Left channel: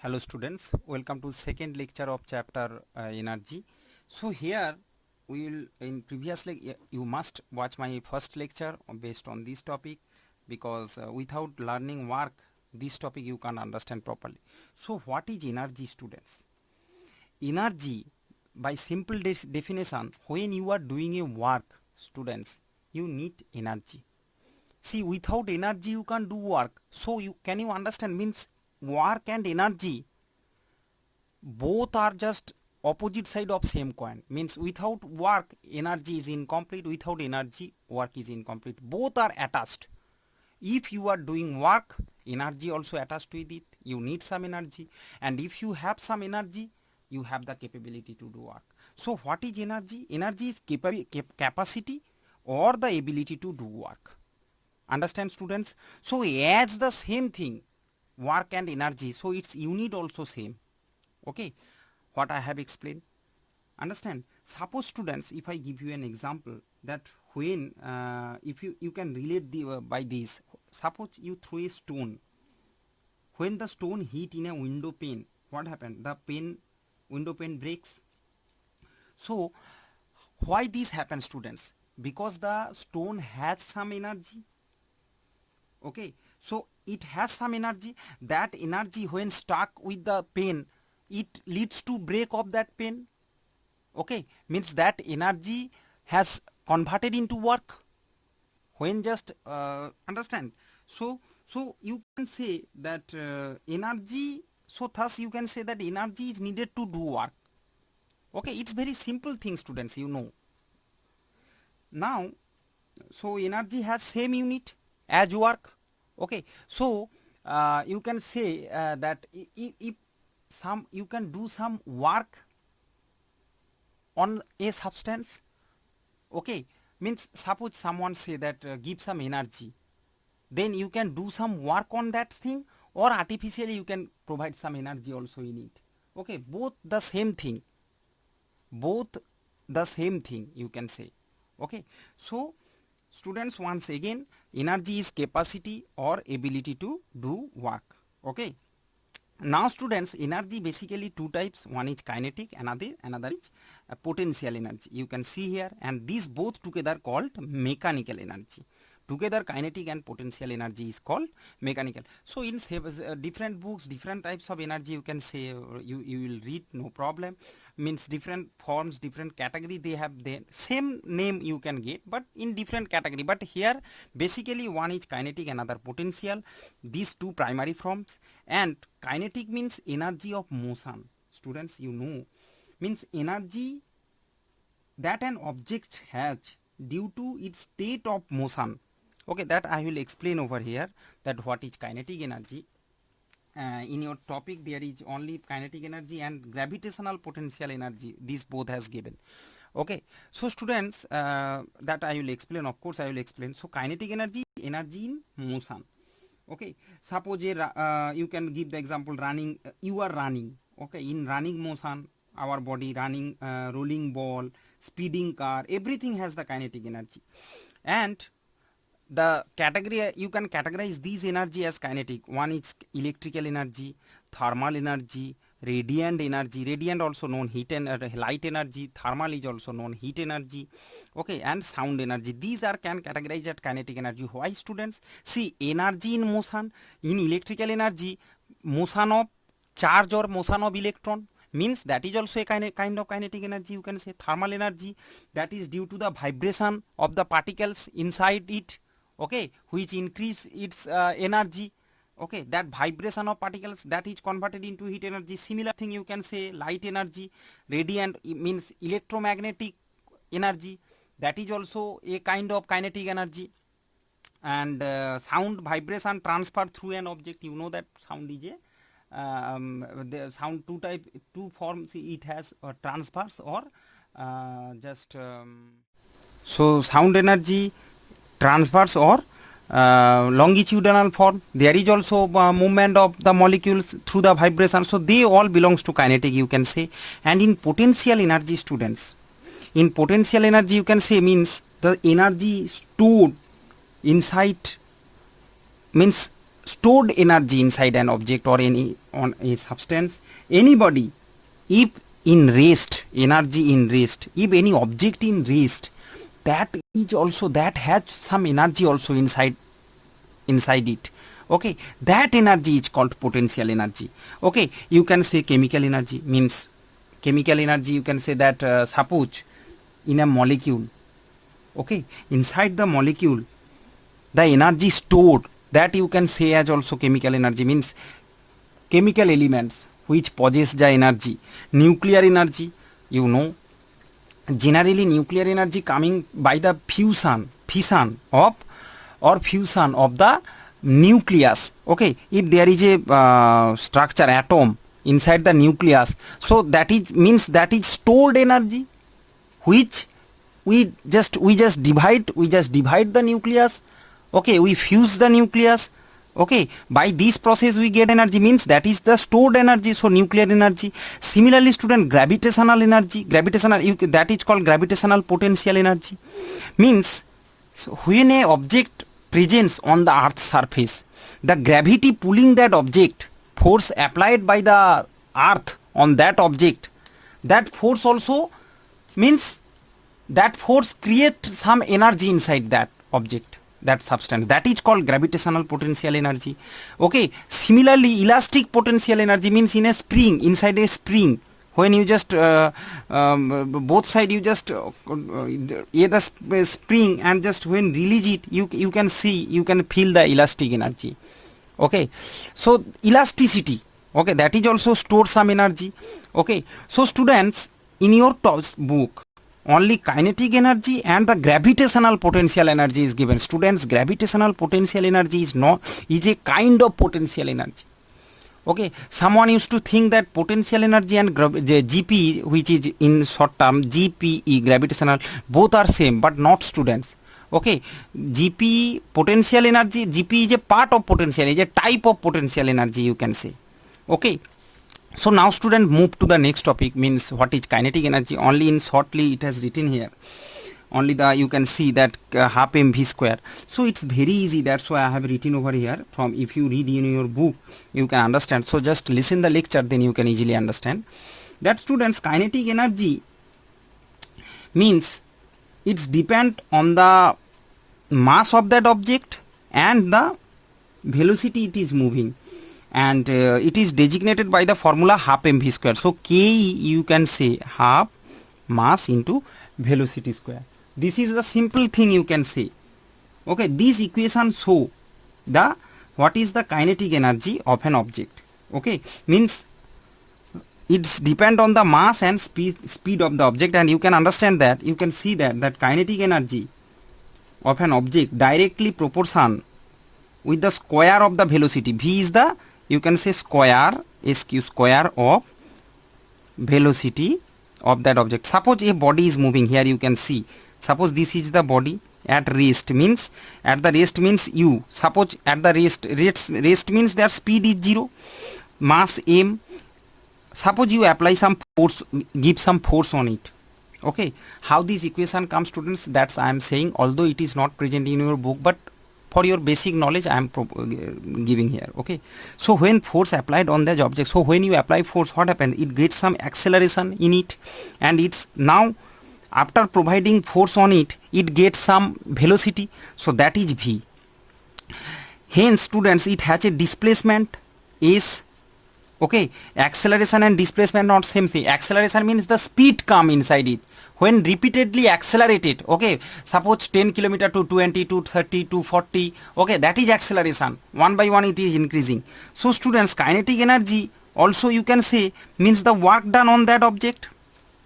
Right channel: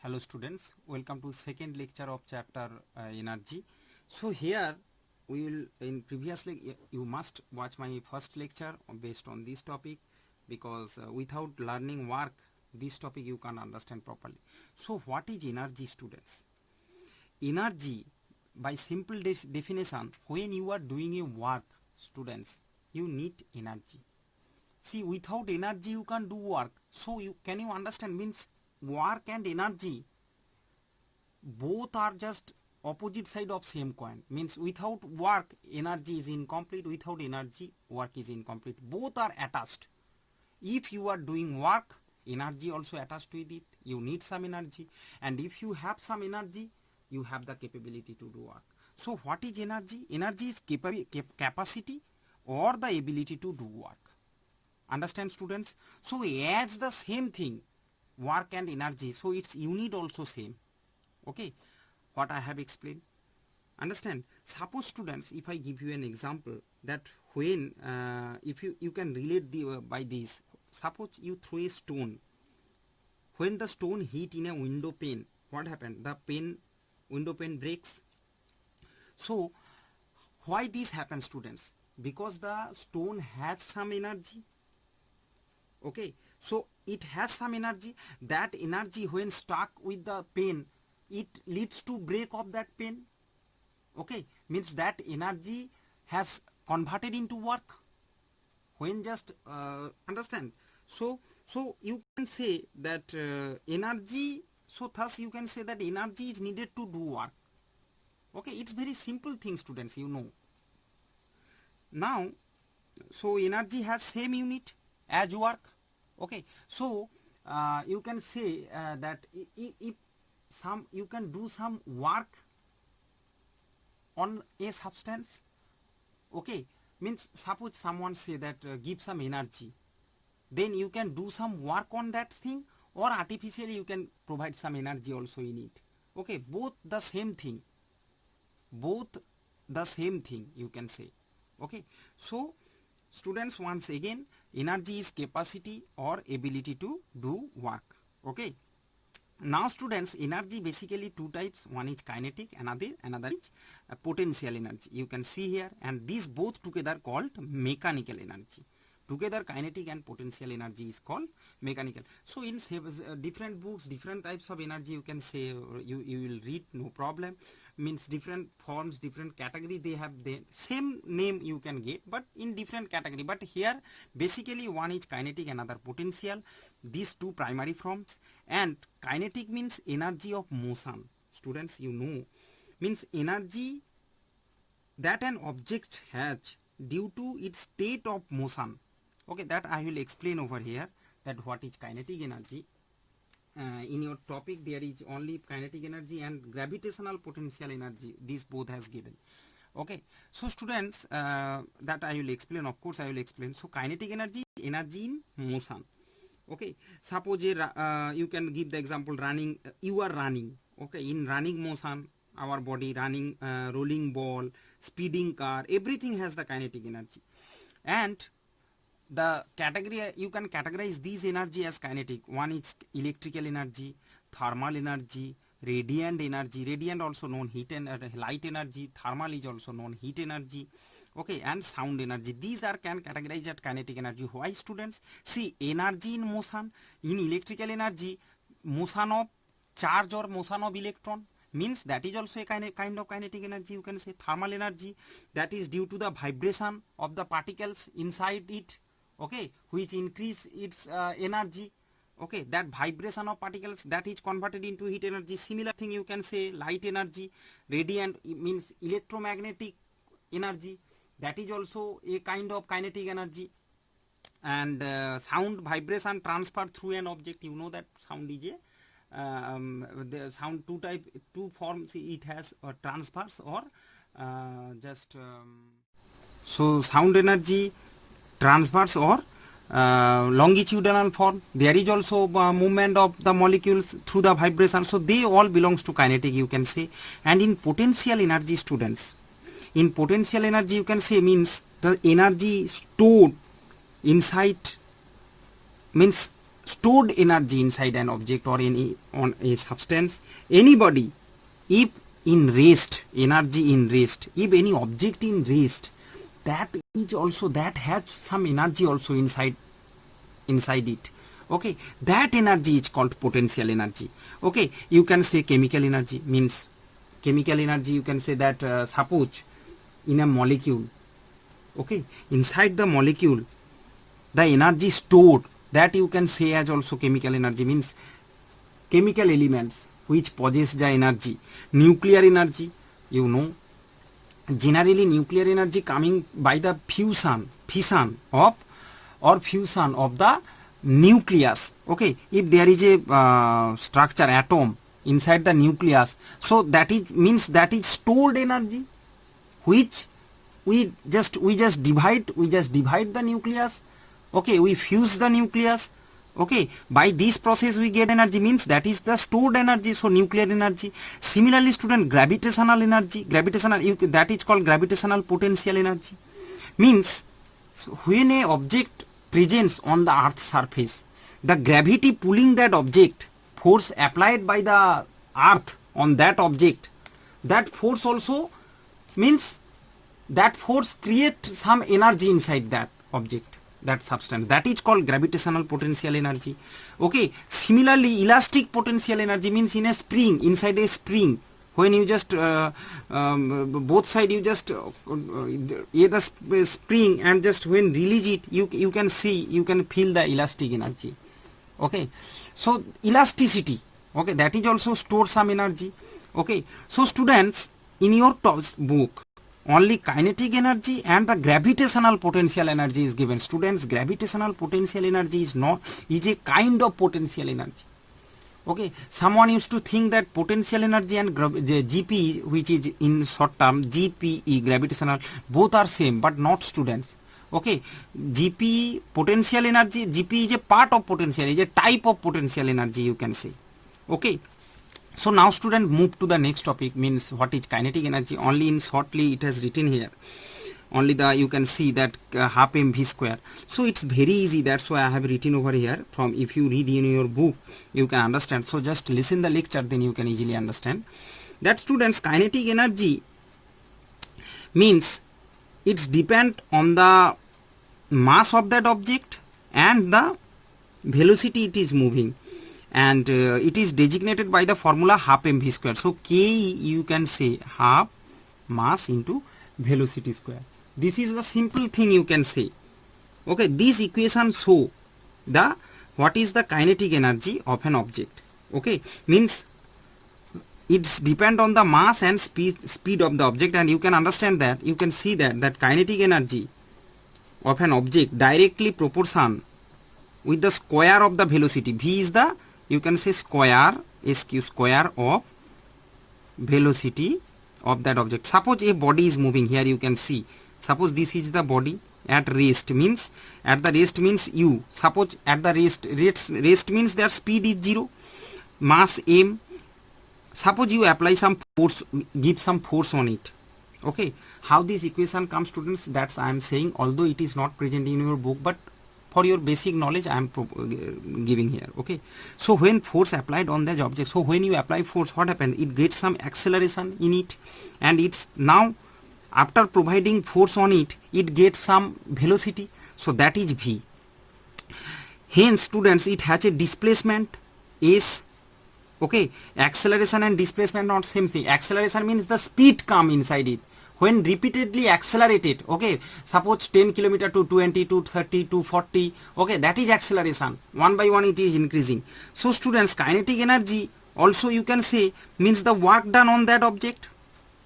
Hello students, welcome to second lecture of chapter energy. So here we will in previously you must watch my first lecture based on this topic because without learning work this topic you can't understand properly. So what is energy, students? Energy, by simple definition, when you are doing a work, students, you need energy. See, without energy you can't do work. So can you understand, means work and energy both are just opposite side of same coin, means without work energy is incomplete, without energy work is incomplete, both are attached. If you are doing work, energy also attached with it, you need some energy, and if you have some energy you have the capability to do work. So what is energy? Energy is capacity or the ability to do work. Understand, students? So as the same thing, work and energy, so its unit also same. Okay, what I have explained, understand? Suppose, students, if I give you an example that when if you can relate the by this, suppose you throw a stone. When the stone hit in a window pane, what happened? The window pane breaks. So why this happens, students? Because the stone has some energy. Okay, so it has some energy. That energy, when stuck with the pane, it leads to break of that pen. Okay, means that energy has converted into work. When just understand, so you can say that energy, so thus you can say that energy is needed to do work. Okay, it's very simple thing, students, you know. Now, so energy has same unit as work. Okay, so you can say that if you can do some work on a substance. Okay, means suppose someone say that give some energy, then you can do some work on that thing, or artificially you can provide some energy also in it. Okay, both the same thing, you can say. Okay, so students, once again, energy is capacity or ability to do work. Okay, now students, energy basically two types. One is kinetic, another is potential energy. You can see here, and these both together called mechanical energy. Together kinetic and potential energy is called mechanical. So in different books, different types of energy you can say, you will read, no problem. Means different forms, different category, they have the same name you can get, but in different category. But here basically one is kinetic, another potential, these two primary forms. And kinetic means energy of motion, students, you know, means energy that an object has due to its state of motion. Okay, that I will explain over here, that what is kinetic energy. In your topic there is only kinetic energy and gravitational potential energy, these both has given. Okay, so students, that I will explain, of course I will explain. So kinetic energy is energy in motion. Okay, suppose you can give the example running, you are running. Okay, in running motion, our body running, rolling ball, speeding car, everything has the kinetic energy. And the category, you can categorize these energy as kinetic. One is electrical energy, thermal energy, radiant energy, radiant also known heat and light energy, thermal is also known heat energy. Okay, and sound energy, these are can categorize as kinetic energy. Why, students? See, energy in motion, in electrical energy, motion of charge or motion of electron, means that is also a kind of kinetic energy. You can say thermal energy, that is due to the vibration of the particles inside it. Okay, which increase its energy. Okay, that vibration of particles, that is converted into heat energy. Similar thing you can say light energy. Radiant means electromagnetic energy, that is also a kind of kinetic energy. And sound, vibration transferred through an object, you know that sound is a the sound two forms it has, transverse or so sound energy transverse or longitudinal form. There is also movement of the molecules through the vibration, so they all belongs to kinetic, you can say. And in potential energy, students, in potential energy you can say means the energy stored inside, means stored energy inside an object or any on a substance, anybody, if in rest, energy in rest, if any object in rest, that is also, that has some energy also inside it. Okay, that energy is called potential energy. Okay, you can say chemical energy, means chemical energy, you can say that suppose in a molecule, okay, inside the molecule the energy stored, that you can say as also chemical energy, means chemical elements which possess the energy. Nuclear energy, you know, generally nuclear energy coming by the fission of the nucleus. Okay, if there is a structure atom inside the nucleus, so that is means that is stored energy, which we just divide the nucleus. Okay, we fuse the nucleus. Okay, by this process we get energy, means that is the stored energy, so nuclear energy. Similarly, student, gravitational energy, that is called gravitational potential energy, means so when a object presents on the earth's surface, the gravity pulling that object, force applied by the earth on that object, that force also, means that force creates some energy inside that object, that substance, that is called gravitational potential energy. Okay, similarly, elastic potential energy, means in a spring, inside a spring, when you just both side you just the spring, and just when release it, you can see, you can feel the elastic energy. Okay, so elasticity, okay, that is also store some energy. Okay, so students, in your book only kinetic energy and the gravitational potential energy is given. Students, gravitational potential energy is a kind of potential energy. Okay, someone used to think that potential energy and the GP, which is in short term GPE, gravitational, both are same, but not, students. Okay, GP, potential energy, GP is a part of potential, is a type of potential energy, you can say. Okay, so now student, move to the next topic, means what is kinetic energy. Only in shortly it has written here, only the you can see that half mv square. So it's very easy, that's why I have written over here. From if you read in your book, you can understand. So just listen the lecture, then you can easily understand that. Students, kinetic energy means it's depend on the mass of that object and the velocity it is moving, and it is designated by the formula half mv square. So Ke, you can say half mass into velocity square. This is the simple thing you can say. Okay, this equation show the what is the kinetic energy of an object. Okay, means it's depend on the mass and speed of the object, and you can understand that, you can see that kinetic energy of an object directly proportion with the square of the velocity. V is the, you can say, square of velocity of that object. Suppose a body is moving, here you can see, suppose this is the body at rest, means at the rest means u. Suppose at the rest means that speed is 0, mass m. Suppose you apply some force, give some force on it. Okay, how this equation comes, students, that's I am saying, although it is not present in your book, but for your basic knowledge I am giving here. Okay, so when force applied on the object, so when you apply force, what happens? It gets some acceleration in it, and it's now after providing force on it, it gets some velocity, so that is v. Hence, students, it has a displacement s. Okay, acceleration and displacement not same thing. Acceleration means the speed come inside it when repeatedly accelerated. Okay, suppose 10 km to 20 to 30 to 40. Okay, that is acceleration. One by one it is increasing. So students, kinetic energy also you can say means the work done on that object.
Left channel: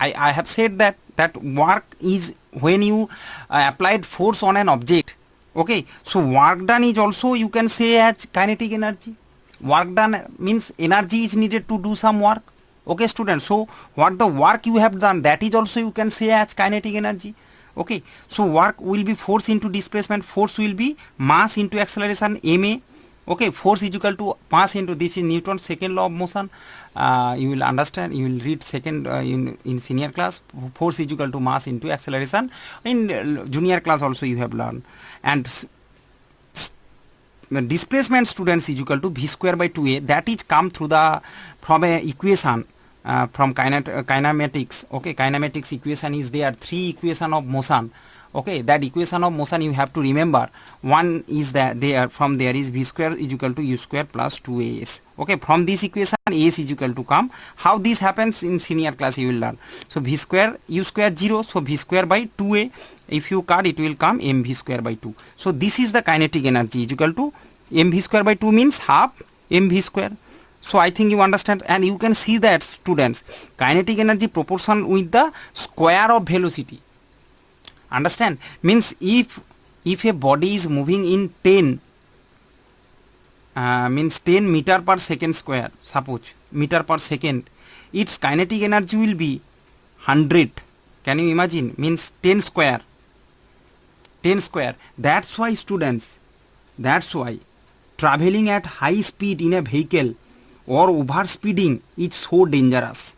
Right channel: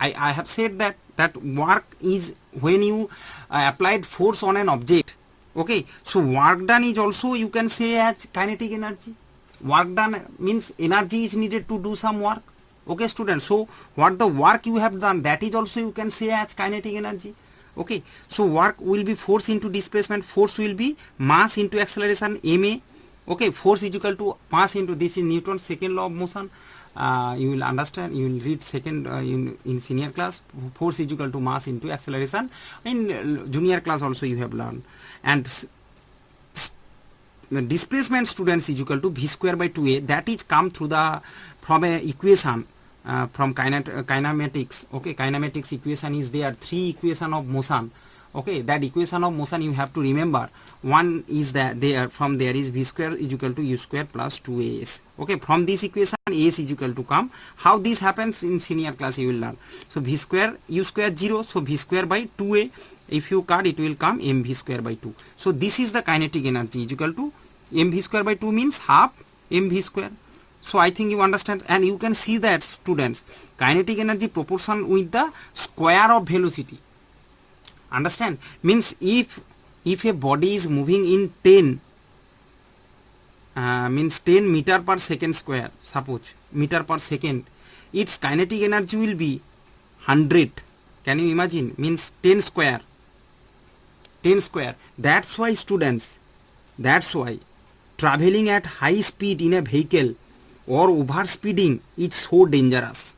I have said that work is when you applied force on an object. Okay, so work done is also you can say as kinetic energy. Work done means energy is needed to do some work. Okay, students, so what the work you have done, that is also you can say as kinetic energy. Okay, so work will be force into displacement, force will be mass into acceleration, ma. Okay, force is equal to mass into, this is Newton's second law of motion. You will understand, you will read second in senior class. Force is equal to mass into acceleration. In junior class also you have learned. And displacement students is equal to v square by 2a, that is come through the from a equation from kinematics. Okay, kinematics equation is there, 3 equation of motion. Okay, that equation of motion you have to remember. One is that there, from there is v square is equal to u square plus 2as. Okay, from this equation as is equal to come. How this happens in senior class you will learn. So v square u square 0, so v square by 2a, if you cut it will come mv square by 2. So this is the kinetic energy is equal to mv square by 2 means half mv square. So I think you understand, and you can see that students, kinetic energy proportion with the square of velocity. Understand? Means if a body is moving in 10 means 10 meter per second square, suppose meter per second, its kinetic energy will be 100. Can you imagine? Means 10 square. That's why students, that's why traveling at high speed in a vehicle or over speeding is so dangerous.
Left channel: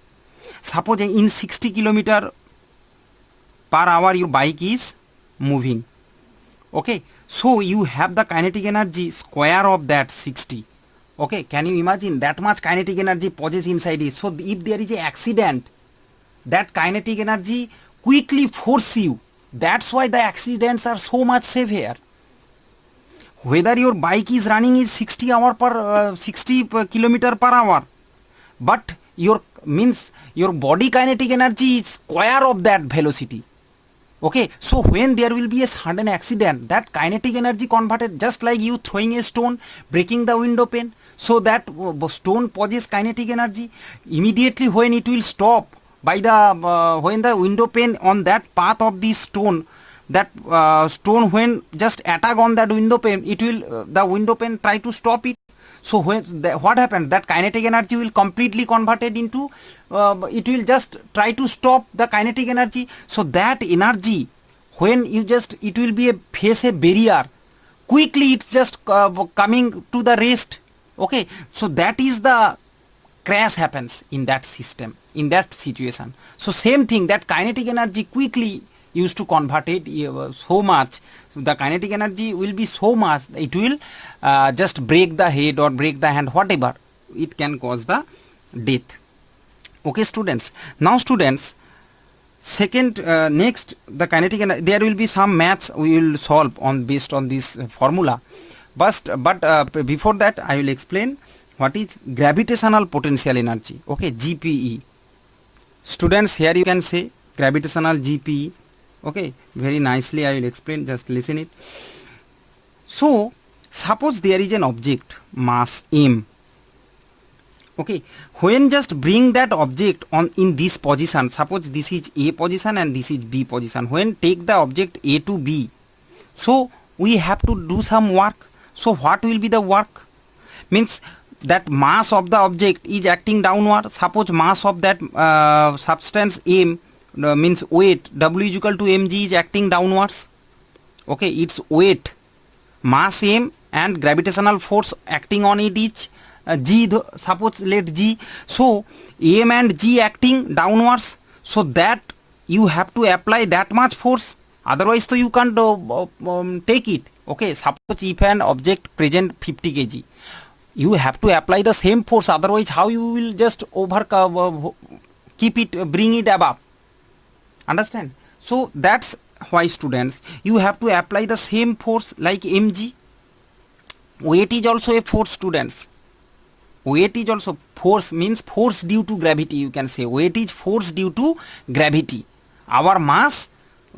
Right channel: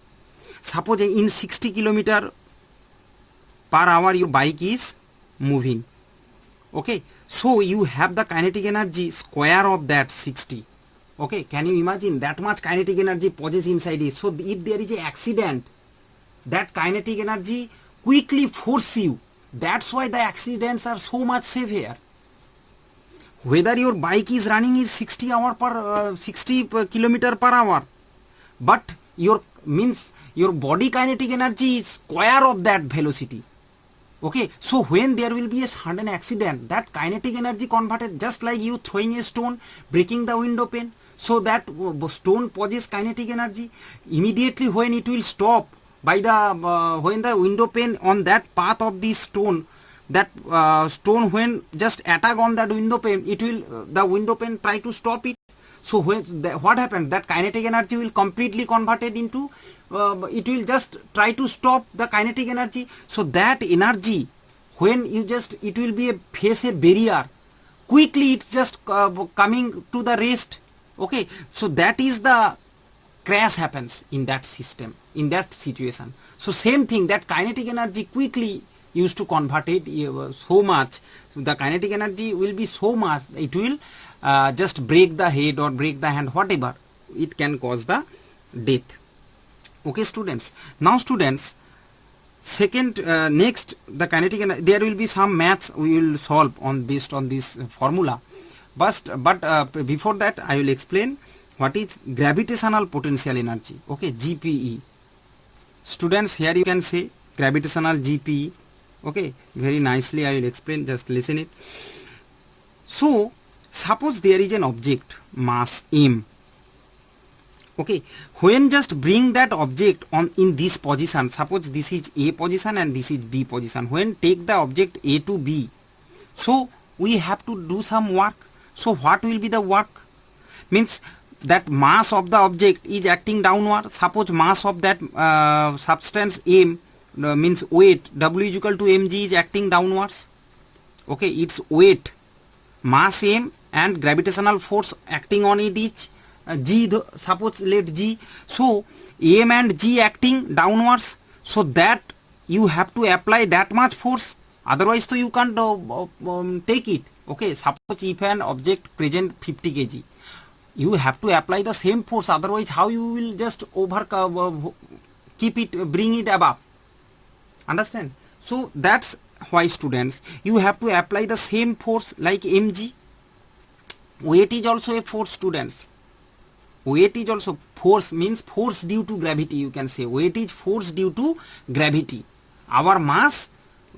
Suppose in 60 kilometer per hour your bike is moving. Okay, so you have the kinetic energy square of that 60. Okay, can you imagine that much kinetic energy possessed inside it? So if there is an accident, that kinetic energy quickly force you. That's why the accidents are so much severe. Whether your bike is running is 60 kilometer per hour, but your body kinetic energy is square of that velocity. Okay, so when there will be a sudden accident, that kinetic energy converted, just like you throwing a stone, breaking the window pane, so that stone possesses kinetic energy. Immediately when it will stop by the when the window pane on that path of this stone, that stone when just attack on that window pane, it will the window pane try to stop it. So when what happens, that kinetic energy will completely converted into it will just try to stop the kinetic energy. So that energy, when you just, it will be face a barrier, quickly it's just coming to the rest. Okay, so that is the crash happens in that system, in that situation. So same thing, that kinetic energy quickly used to convert it so much, the kinetic energy will be so much, it will just break the head or break the hand, whatever, it can cause the death. Okay students, now students, second next the kinetic energy, there will be some maths we will solve on based on this formula, but before that I will explain what is gravitational potential energy. Okay, GPE. Students, here you can say gravitational GPE. Okay, very nicely I will explain, just listen it. So suppose there is an object mass m. Okay, when just bring that object on in this position, suppose this is A position and this is B position, when take the object A to B, so we have to do some work. So what will be the work? Means that mass of the object is acting downward. Suppose mass of that substance m, means weight W is equal to mg is acting downwards. Okay, its weight, mass m, and gravitational force acting on it is g, suppose let g. So m and g acting downwards, so that you have to apply that much force, otherwise so you can't take it. Okay, suppose if an object present 50 kg, you have to apply the same force, otherwise how you will just keep it, bring it above. Understand? So that's why students, you have to apply the same force like mg. Weight is also a force, students. Weight is also force, means force due to gravity, you can say. Weight is force due to gravity. Our mass,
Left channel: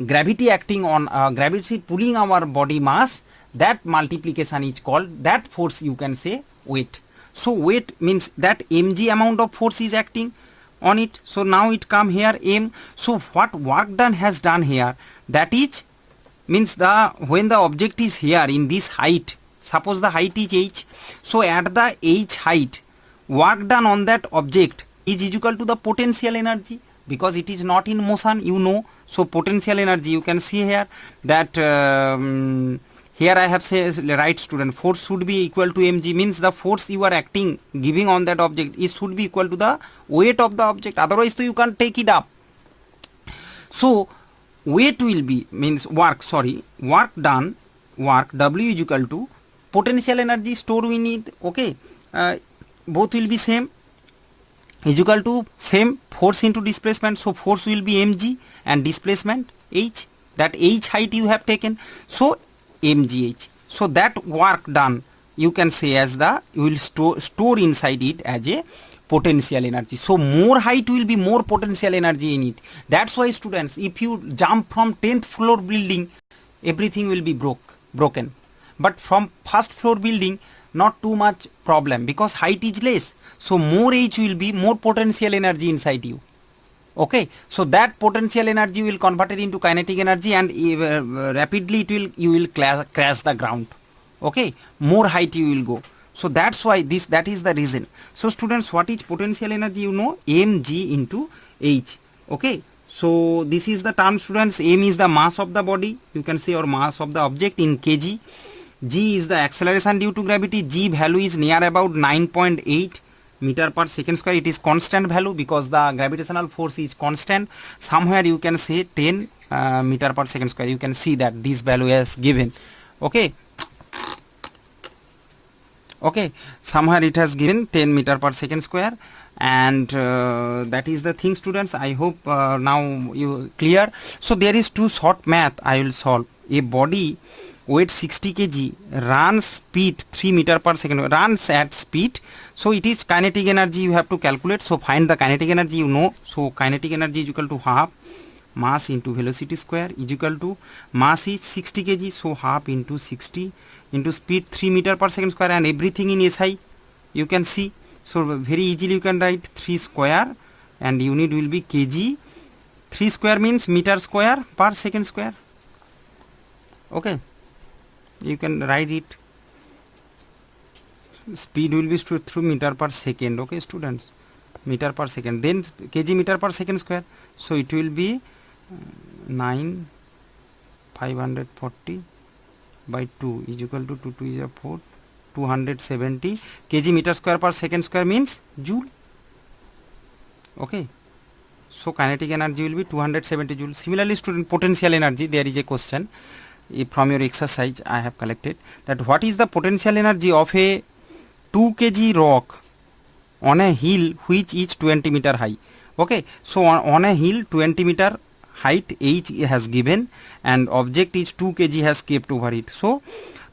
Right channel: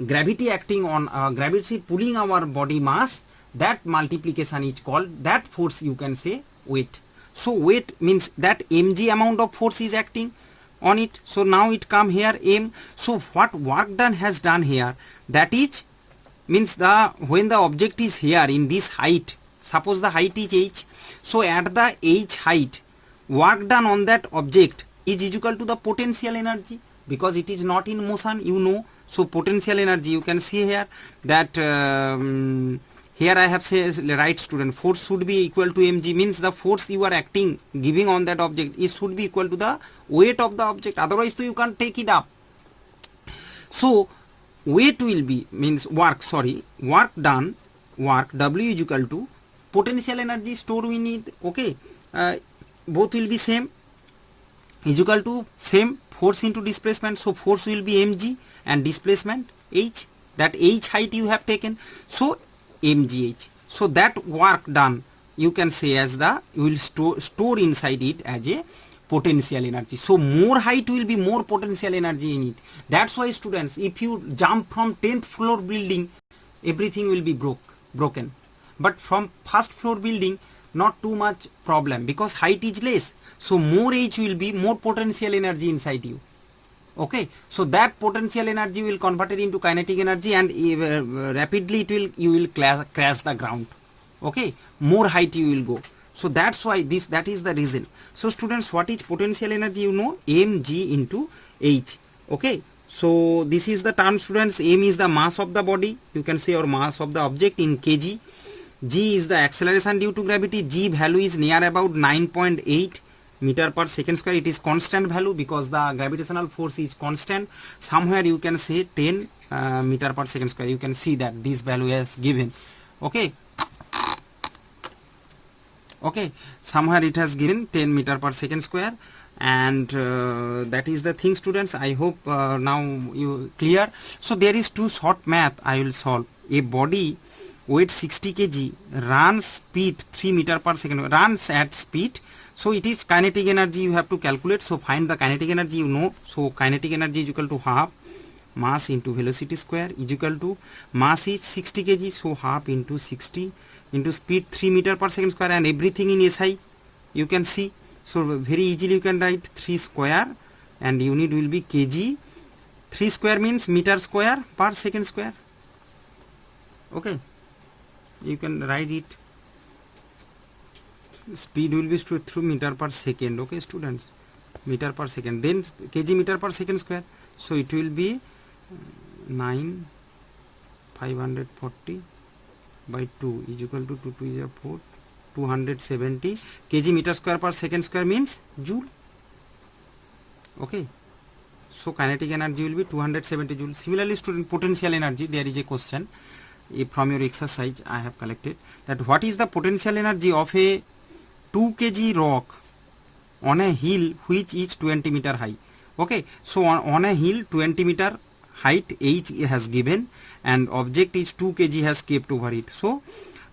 gravity acting on gravity pulling our body mass, that multiplication is called, that force you can say weight. So weight means that mg amount of force is acting on it. So now it come here m. So what work done has done here, that is means the when the object is here in this height, suppose the height is h, so at the h height, work done on that object is equal to the potential energy, because it is not in motion, you know. So potential energy you can see here that here I have said, right student, force should be equal to mg, means the force you are acting, giving on that object, it should be equal to the weight of the object, otherwise so you can't take it up. So weight will be, means work, sorry, work done, work W is equal to potential energy store we need, okay, both will be same, is equal to same force into displacement, so force will be mg and displacement h, that h height you have taken, so mgh. So that work done you can say as the, you will store inside it as a potential energy. So more height will be more potential energy in it. That's why students, if you jump from 10th floor building, everything will be broken, but from first floor building not too much problem because height is less, so more h will be more potential energy inside you. Okay, so that potential energy will convert it into kinetic energy, and rapidly it will, you will crash the ground. Okay, more height you will go. So that's why that is the reason. So students, what is potential energy? You know, mg into h. Okay, so this is the term, students. M is the mass of the body, you can say, or mass of the object in kg. G is the acceleration due to gravity. G value is near about 9.8 meter per second square. It is constant value because the gravitational force is constant. Somewhere you can say 10 meter per second square. You can see that this value is given. Okay, okay, somewhere it has given 10 meter per second square, and that is the thing, students. I hope now you clear. So there is two short math I will solve. A body weight 60 kg runs speed 3 meter per second, runs at speed, so it is kinetic energy you have to calculate. So find the kinetic energy, you know. So kinetic energy is equal to half mass into velocity square is equal to, mass is 60 kg, so half into 60 into speed 3 meter per second square, and everything in SI you can see. So very easily you can write 3 square, and unit will be kg. 3 square means meter square per second square. Okay, you can write it. Speed will be through meter per second. Okay students, meter per second, then kg meter per second square, so it will be 540 by 2 is equal to 2 is a 4, 270 kg meter square per second square means joule. Okay, so kinetic energy will be 270 joule. Similarly student, potential energy, there is a question from your exercise I have collected, that what is the potential energy of a 2 kg rock on a hill which is 20 meter high. Okay, so on a hill 20 meter height h has given, and object is 2 kg has kept over it. So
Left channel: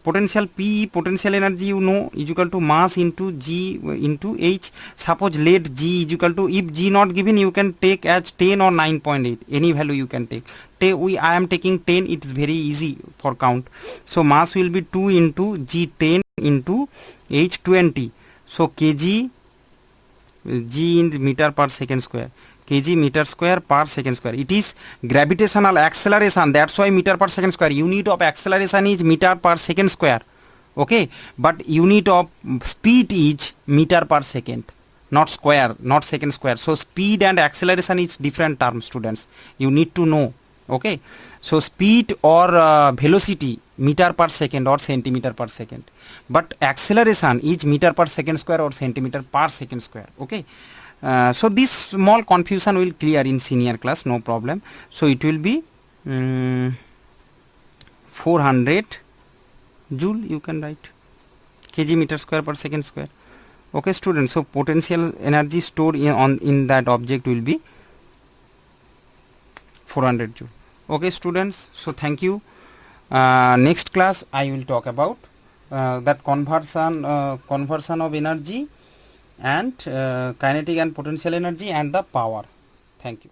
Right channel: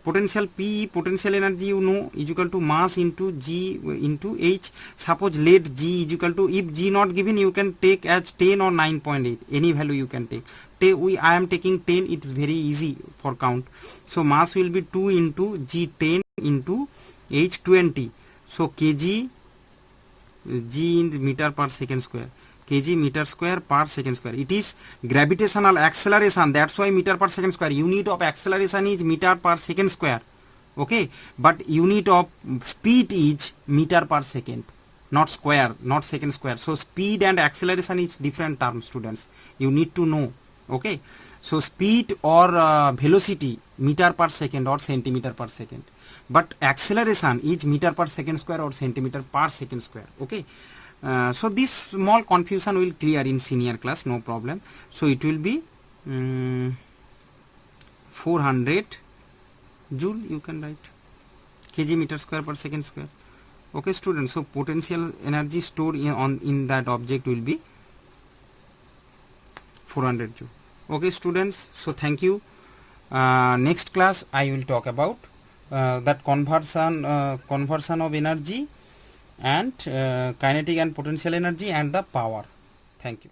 potential P, potential energy, you know, is equal to mass into g into h. Suppose let g is equal to, if g not given, you can take as 10 or 9.8, any value you can take. I am taking 10, it is very easy for count. So mass will be 2 into g 10 into h 20. So kg, g in meter per second square, kg meter square per second square. It is gravitational acceleration, that's why meter per second square. Unit of acceleration is meter per second square. Okay, but unit of speed is meter per second, not square, not second square. So speed and acceleration is different terms, students, you need to know. Okay, so speed or velocity meter per second or centimeter per second, but acceleration is meter per second square or centimeter per second square. Okay, so this small confusion will clear in senior class, no problem. So it will be 400 joule, you can write, kg meter square per second square. Okay students, so potential energy stored in that object will be 400 joule. Okay students, so thank you. Next class I will talk about that conversion of energy and kinetic and potential energy and the power. Thank you.